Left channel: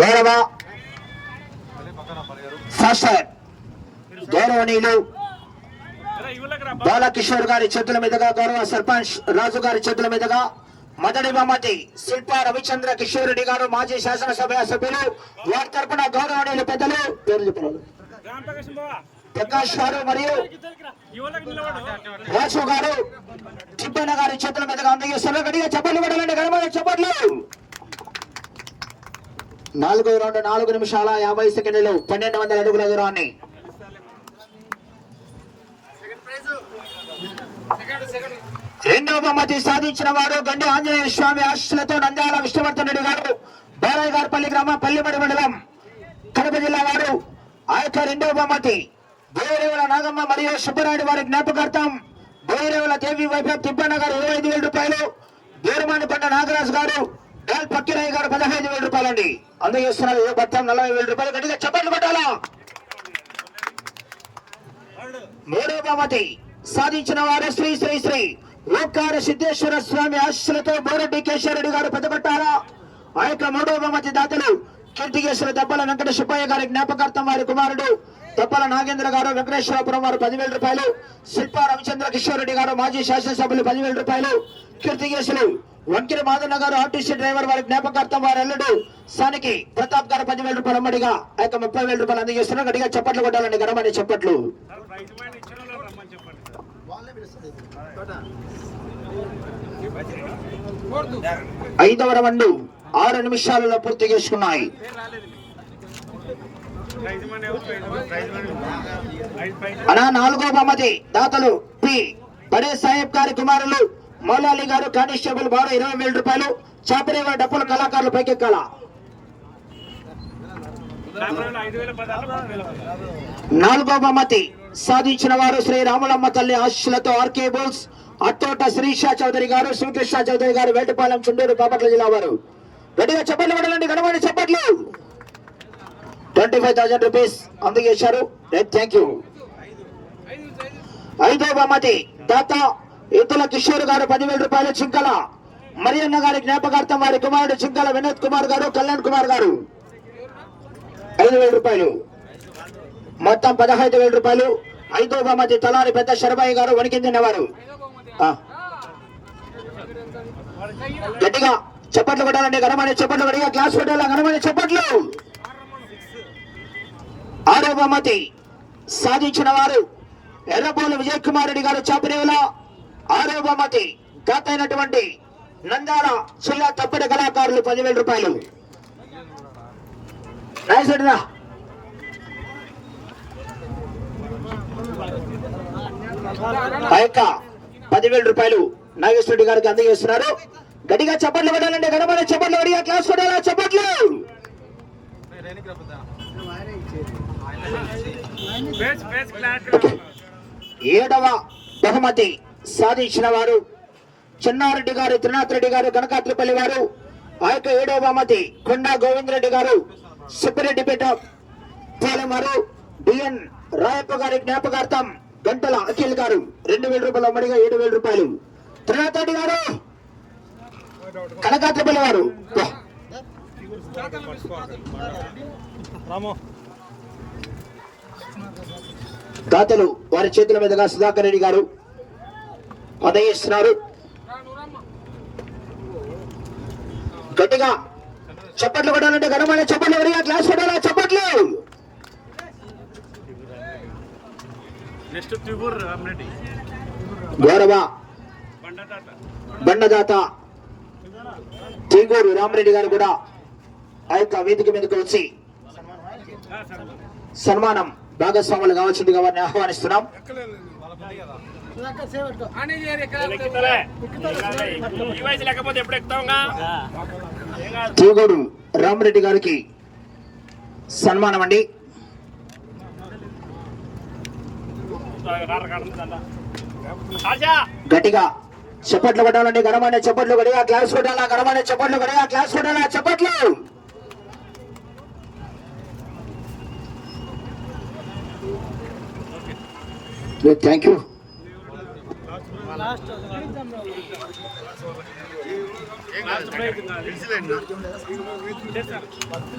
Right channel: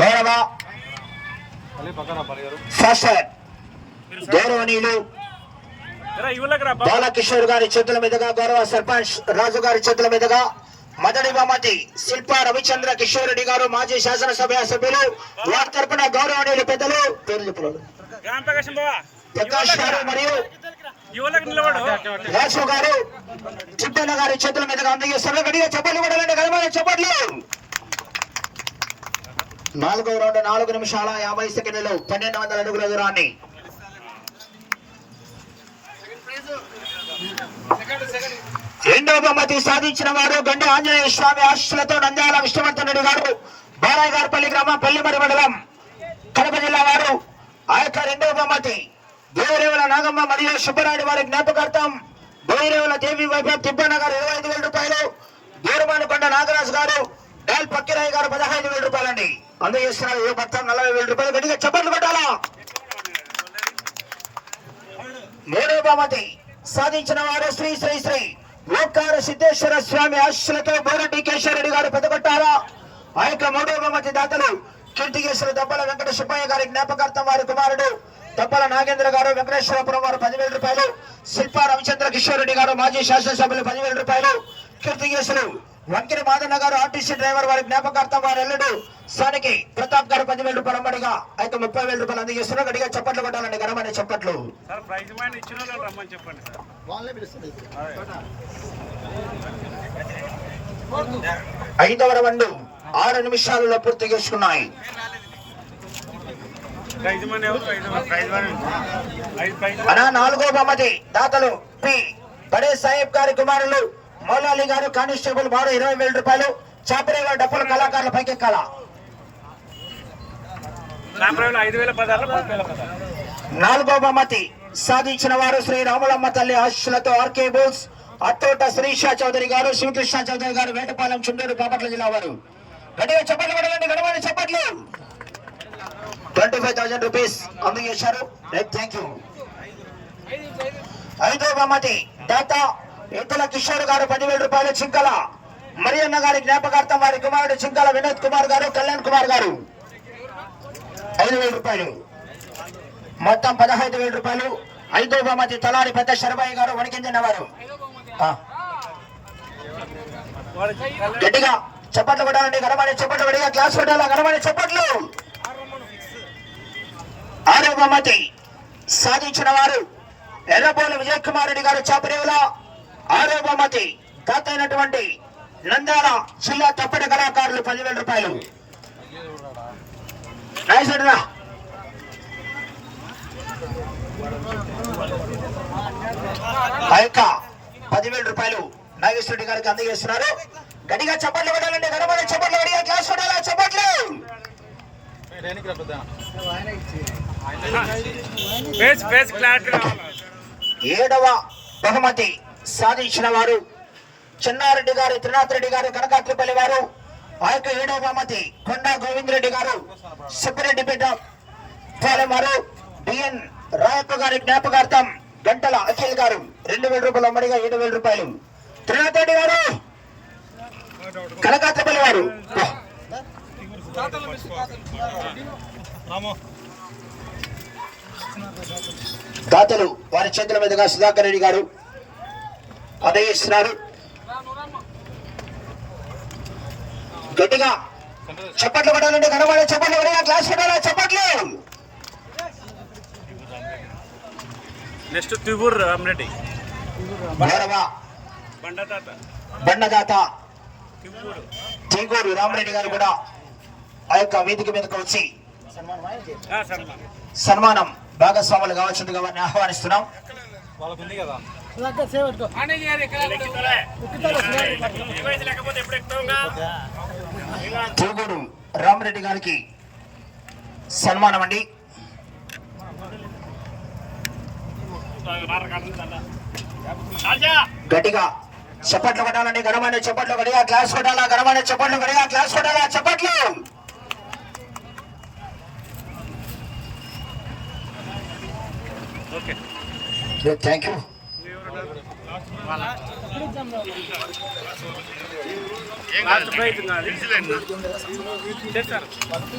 గౌరవ శాసన్ గౌరవనీయులు బాలకిషోర్ గారి చేతుల మీదుగా గౌరవ సర్పంచ్ రాజు గారి చేతుల మీదుగా మదడి బహుమతి శిల్ప రవిచంద్ర కిషోర్ రెడ్డి గారు మాజీ శాసనసభ సభ్యులు వారి తరపున గౌరవనీయులు పెద్దలు పేరు చెప్పలేదు. ప్రకాష్ గారు మరియు వాసు రాజు గారు చిప్పన్న గారి చేతుల మీదుగా అందజేస్తున్నారు. గడిగా చెప్పలు కొట్టాలండి గడమైన నాలుగో రౌండ్ నాలుగు నిమిషాల యాభై సెకండ్లు పన్నెండు వందల అడుగుల దూరాన్ని. రెండవ బహుమతి సాధించిన వారు గండ ఆంజనేయ స్వామి ఆశీస్సులతో నంద్యాల విష్ణువర్ధన్ రెడ్డి గారు బారాయగారిపల్లి గ్రామం పల్లిమడి మండలం కడప జిల్లా వారు. ఆ యొక్క రెండవ బహుమతి దేవరేవుల నాగమ్మ మరియు సుబ్బరాయుడు వారి జ్ఞాపకార్థం దేవరేవుల దేవి వైభవ్ తిప్పన్న ఇరవై ఐదు వేల రూపాయలు దేవరమానకొండ నాగరాజు గారు డాల్ పక్కిరాయ్ గారు పదహైదు వేల రూపాయలండి. అందజేస్తున్నారు ఏ భర్త నలభై వేల రూపాయలు గట్టిగా చప్పట్లు కొట్టాలా? మూడో సాధించిన వారు శ్రీ శ్రీ శ్రీ ఓంకార సిద్ధేశ్వర స్వామి ఆశీస్సులతో బోరెడ్డి కేశవరెడ్డి గారు పెద్దగొట్టారా ఆ యొక్క మూడో దాతలు కీర్తికేశ్వర దబ్బల వెంకట సుబ్బయ్య గారి జ్ఞాపకార్థం వారి కుమారుడు దబ్బల నాగేంద్ర గారు వెంకటేశ్వరపురం వారు పదివేల రూపాయలు శిల్ప రవిచంద్ర కిషోర్ రెడ్డి గారు మాజీ శాసనసభ్యులు పదివేల రూపాయలు కీర్తికేశ్వరు వంకిర మాదన్న గారు ఆర్టీసీ డ్రైవర్ వారి జ్ఞాపకార్థం వారు ఎల్లుడు సానికి ప్రతాప్ గారు పదివేల రూపాయలు అమ్మడిగా ఆ యొక్క ముప్పై వేల రూపాయలు అందజేస్తున్నారు. గడిగా చప్పట్లు కొట్టాలండి గడమని చప్పట్లు. ఐదవ రౌండ్ ఆరు నిమిషాలలో పూర్తి చేసుకున్నాయి. అలా అనా నాలుగో బహుమతి దాతలు పి. బడే సాహెబ్ గారి కుమారులు మౌలాలి గారు కానిస్టేబుల్ వారు ఇరవై వేల రూపాయలు. చాపరేగా డప్పుల కళాకారుల పైకెక్కాల. నాలుగో బహుమతి సాధించిన వారు శ్రీ రాములమ్మ తల్లి ఆశీస్సులతో ఆర్కే బోల్స్ అత్తోట శ్రీష చౌదరి గారు శివకృష్ణ చౌదరి గారు వేటపాలెం చుండూరు బాపట్ల జిల్లా వారు. గట్టిగా చెప్పట్లు పడాలండి గడమని చెప్పట్లు. ట్వంటీ ఫైవ్ థౌసండ్ రూపీస్ అందజేశారు. Thank you. ఐదో బహుమతి దాత ఇతల కిషోర్ గారు పదివేల రూపాయలు చింకల మరియన్న గారి జ్ఞాపకార్థం వారి కుమారుడు చింకల వినోద్ కుమార్ గారు కళ్యాణ్ కుమార్ గారు. ఐదు వేల రూపాయలు. మొత్తం పదహైదు వేల రూపాయలు. ఐదో బహుమతి తలాని పెద్ద శరభయ్య గారు వణికిందినవారు గట్టిగా చప్పట్లు కొట్టాలండి ఘనమైన చప్పట్లు పడిగా క్లాస్ కొట్టాలా ఘనమైన చప్పట్లు? ఆరో బహుమతి సాధించిన వారు ఎర్రబోలు విజయ్ కుమార్ రెడ్డి గారు చాపరేవుల. ఆరో బహుమతి తాత అయినటువంటి జిల్లా తప్పటి కళాకారులు పదివేల రూపాయలు. రాయసడిరా ఆ యొక్క పదివేల రూపాయలు నాగేశ్వరుడి గారికి అందజేస్తున్నారు. గడిగా చప్పట్లు కొట్టాలండి గడమని చప్పట్లు గడిగా క్లాస్ కొట్టాలా? చప్పట్లు! ఏడవ బహుమతి సాధించిన వారు చెన్నారెడ్డి గారు త్రినాథ్ రెడ్డి గారు కనకాత్రిపల్లి వారు ఆ యొక్క ఏడవ బహుమతి కొండా గోవిందరెడ్డి గారు సుబ్బిరెడ్డిపేట పాలెం వారు డిఎన్ రాయప్ప గారి జ్ఞాపకార్థం గంటల అఖిల్ గారు రెండు వేల రూపాయలు అమ్మడిగా ఏడు వేల రూపాయలు. త్రినాథ్ రెడ్డి గారు! కనకాత్రిపల్లి వారు! దాతలు వారి చేతుల మీదుగా సుధాకర్ రెడ్డి గారు అందజేస్తున్నారు గట్టిగా చప్పట్లు కొట్టాలంటే ఘనమైన చప్పట్లు ఎవరైనా క్లాస్ కొట్టాలా? చప్పట్లు. నెక్స్ట్ తిబూర్ రామరెడ్డి. గౌరవ బండదాత తీగూరు రామరెడ్డి గారు కూడా ఆ యొక్క వేదిక మీదకు వచ్చి సన్మానం. భాగస్వాములు కావాల్సిందిగా వారిని ఆహ్వానిస్తున్నాం. ఎక్కుతలే. రామరెడ్డి గారికి సన్మానం అండి గట్టిగా చప్పట్లు కొట్టాలండి ఘనమైన చప్పట్లు గడిగా క్లాస్ కొట్టాలా ఘనమైన చప్పట్లు గడిగా క్లాస్ కొట్టాలా చప్పట్లు! ఓకే. థ్యాంక్ యూ లాస్ట్ కాదు. చేస్తారు